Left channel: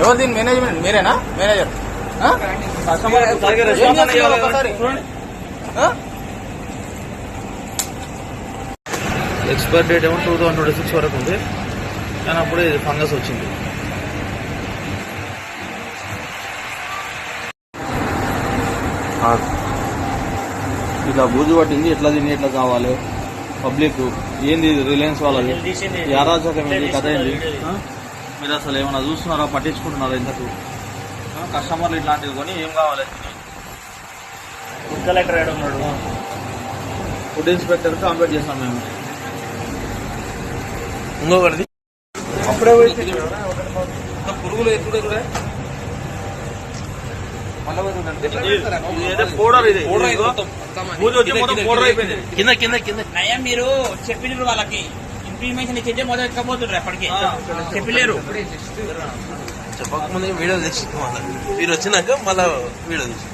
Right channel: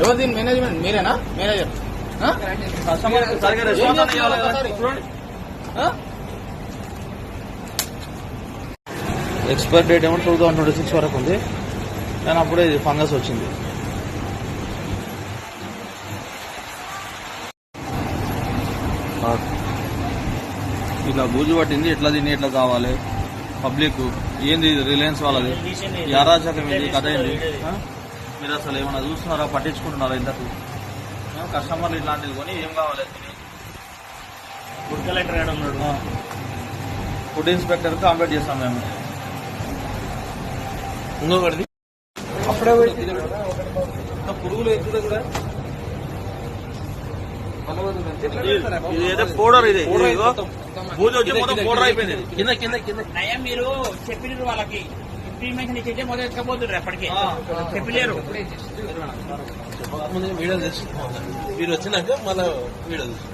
ఎవరు దీని మేనేజ్మెంట్ మీరేనా మేనేజర్? ఒకసారి ఎక్స్పైర్ డేట్ ఏమో 2026 వరకు ఉంది, కానీ అప్పుడే ఫంగస్ వచ్చింది. ఇట్లా బూజు పట్టింది, ఎట్లా తిని ఎట్లా కావాలి పబ్లిక్. ఏంది రిలయన్స్ వాళ్ళది అరాచకం, కథ ఏంది? మీరు అసలు ఏమన్నా చూస్తున్నారా, పట్టించుకుంటున్నారా? ఇంతకు కస్టమర్లు ఇట్లాంటివి కొని ఏం కావాలి? ఫుడ్ కలెక్టర్ ఉన్నాడు, ఫుడ్ ఇన్స్పెక్టర్ కాంప్లీట్ చేస్తాం మేము. ఇంకొకటి అప్పుడే పురుగులు ఎప్పుడు కింద కింద కింద నయం. మీరు చెప్పినారు వాళ్ళకి ఇన్ఫర్మేషన్ ఇచ్చింటే మొదలు ఎక్కబోతుండ్రు, అప్పటికే చెప్పలేరు. చెప్పకముందు వీడియో తెచ్చి మీరు వచ్చినాక మళ్ళా వీడియో తెచ్చి